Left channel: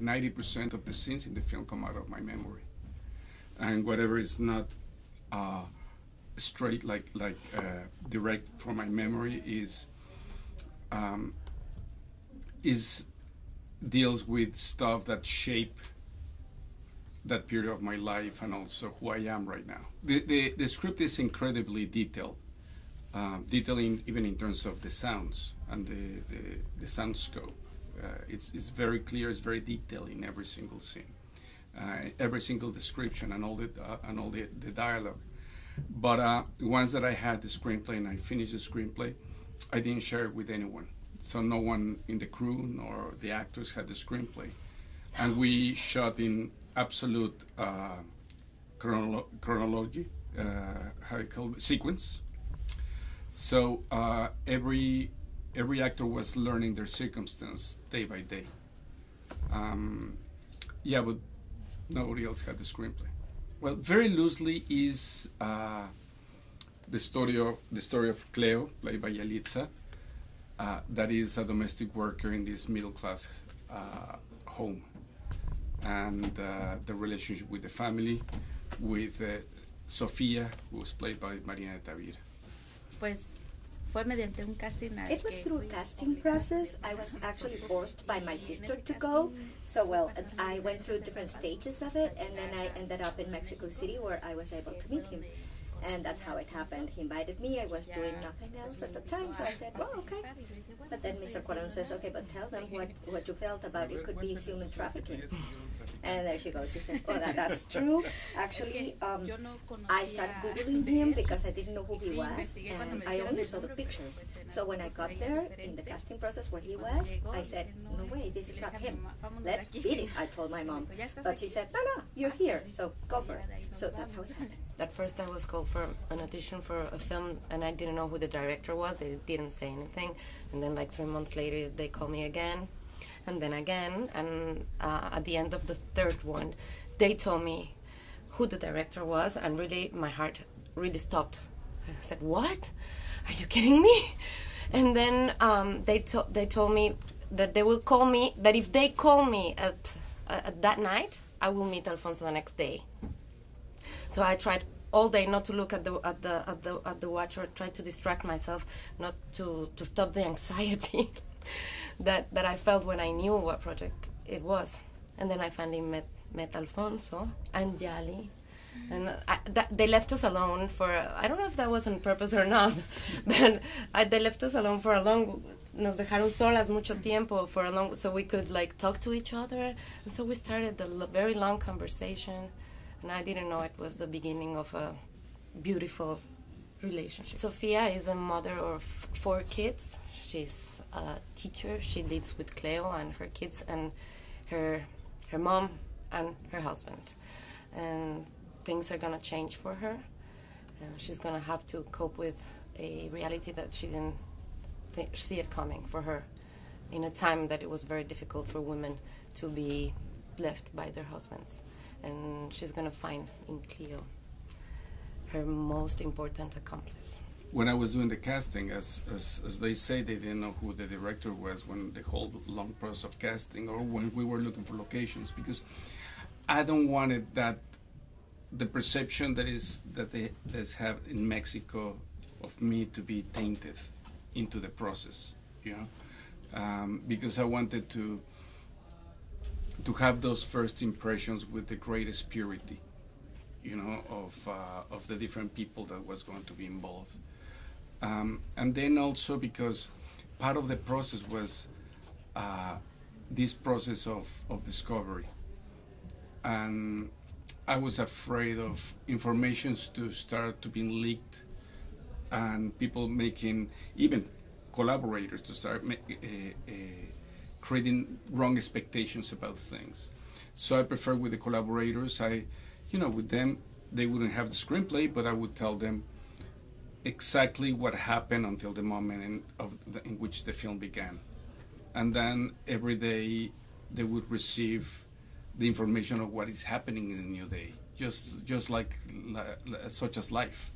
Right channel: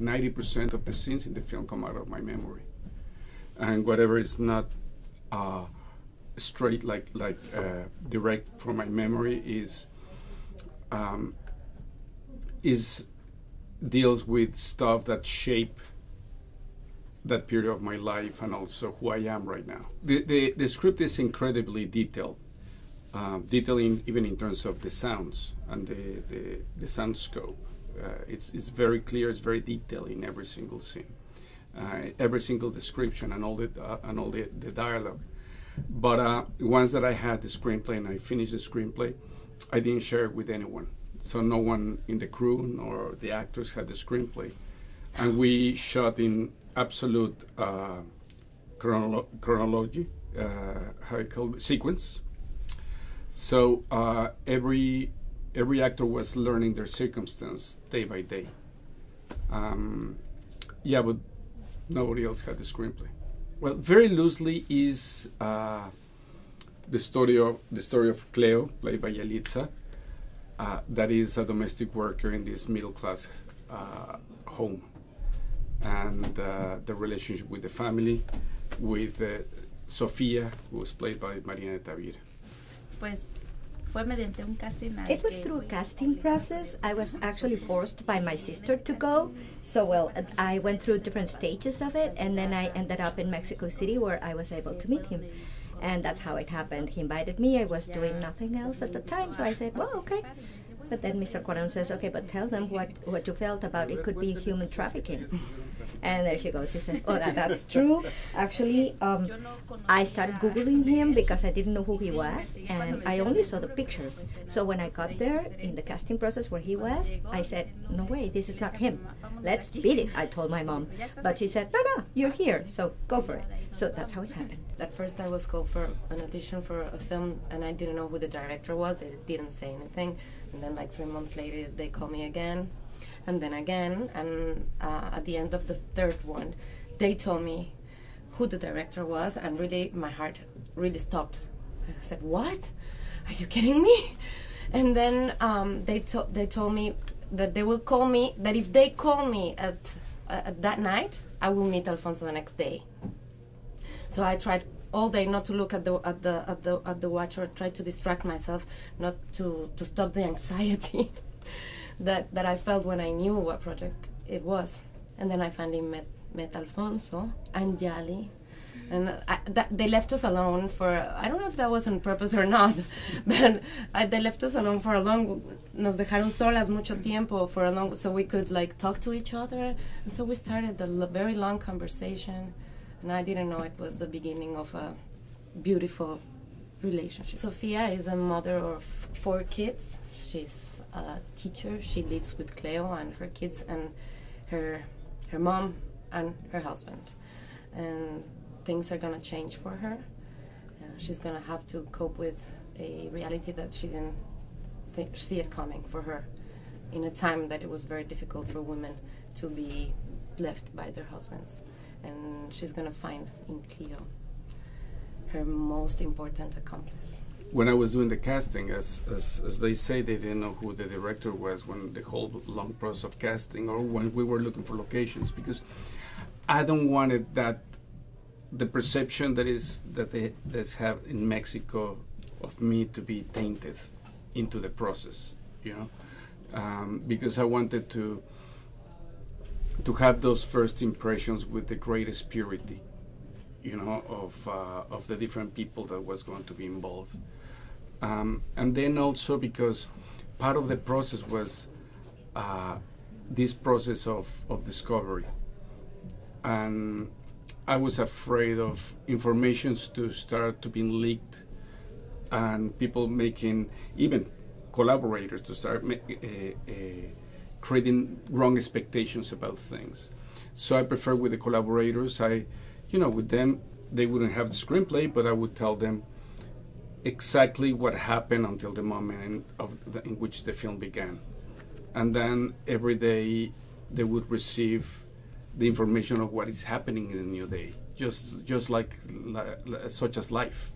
90% of the scenes in the film come out of my memory, and whatever is not straight direct from my memory is deals with stuff that shape that period of my life and also who I am right now. The script is incredibly detailed, detailing even in terms of the sounds and the sound scope. It's very clear. It's very detailed in every single scene, every single description, and all the dialogue. But once that I had the screenplay and I finished the screenplay, I didn't share it with anyone. So no one in the crew nor the actors had the screenplay, and we shot in absolute chronology, how you call it, sequence. So every actor was learning their circumstance day by day. Yeah, but nobody else had the screenplay. Well, very loosely is the story of Cleo, played by Yalitza, that is a domestic worker in this middle class home, and the relationship with the family, with Sofia, who was played by Marina de Tavira. Pues fue mediante un casting. It was through a casting process. I was actually forced by my sister to go. So, well, I went through different stages of it, and then I ended up in Mexico City where I was able to meet him. And that's how it happened. He invited me. I was doing nothing else at the time, so I said, well, okay. But then Mr. Cuarón says, okay, but tell them what you felt about it could be human trafficking. And there she goes. She says, oh, that's true. Actually, I started Googling him because I didn't know who he was, and I only saw the pictures. So when I got there in the casting process where he was, I said, no way, this is not him. Let's beat it, I told my mom. But she said, no, you're here, so go for it. So that's how it happened. At first I was called for an audition for a film, and I didn't know who the director was. They didn't say anything. And then like 3 months later, they called me again, and then again. And at the end of the third one, they told me who the director was, and really my heart really stopped. I said, what? Are you kidding me? And then they told me that they will call me, that if they call me at that night, I will meet Alfonso the next day. So I tried all day not to look at the watch, or try to distract myself, not to stop the anxiety that I felt when I knew what project it was. And then I finally met Alfonso and Yali, and they left us alone for, I don't know if that was on purpose or not, but they left us alone for a long. Nos dejaron solas mucho tiempo for a long, so we could like talk to each other, and so we started a very long conversation. And I didn't know it was the beginning of a beautiful relationship. Sofia is a mother of 4 kids. She's a teacher. She lives with Cleo and her kids and her mom and her husband. And things are gonna change for her. She's gonna have to cope with a reality that she didn't see it coming for her, in a time that it was very difficult for women to be left by their husbands. And she's going to find in Cleo her most important accomplice. When I was doing the casting, as they say, they didn't know who the director was when the whole long process of casting, or when we were looking for locations, because I don't want it that the perception that they have in Mexico of me to be tainted into the process, you know, because I wanted to have those first impressions with the greatest purity, you know, of the different people that was going to be involved. And then also because part of the process was this process of discovery. And I was afraid of informations to start to be leaked, and people making, even collaborators, to start creating wrong expectations about things. So I prefer with the collaborators, with them, they wouldn't have the screenplay, but I would tell them exactly what happened until the moment in which the film began. And then every day they would receive the information of what is happening in the new day, just like such as life.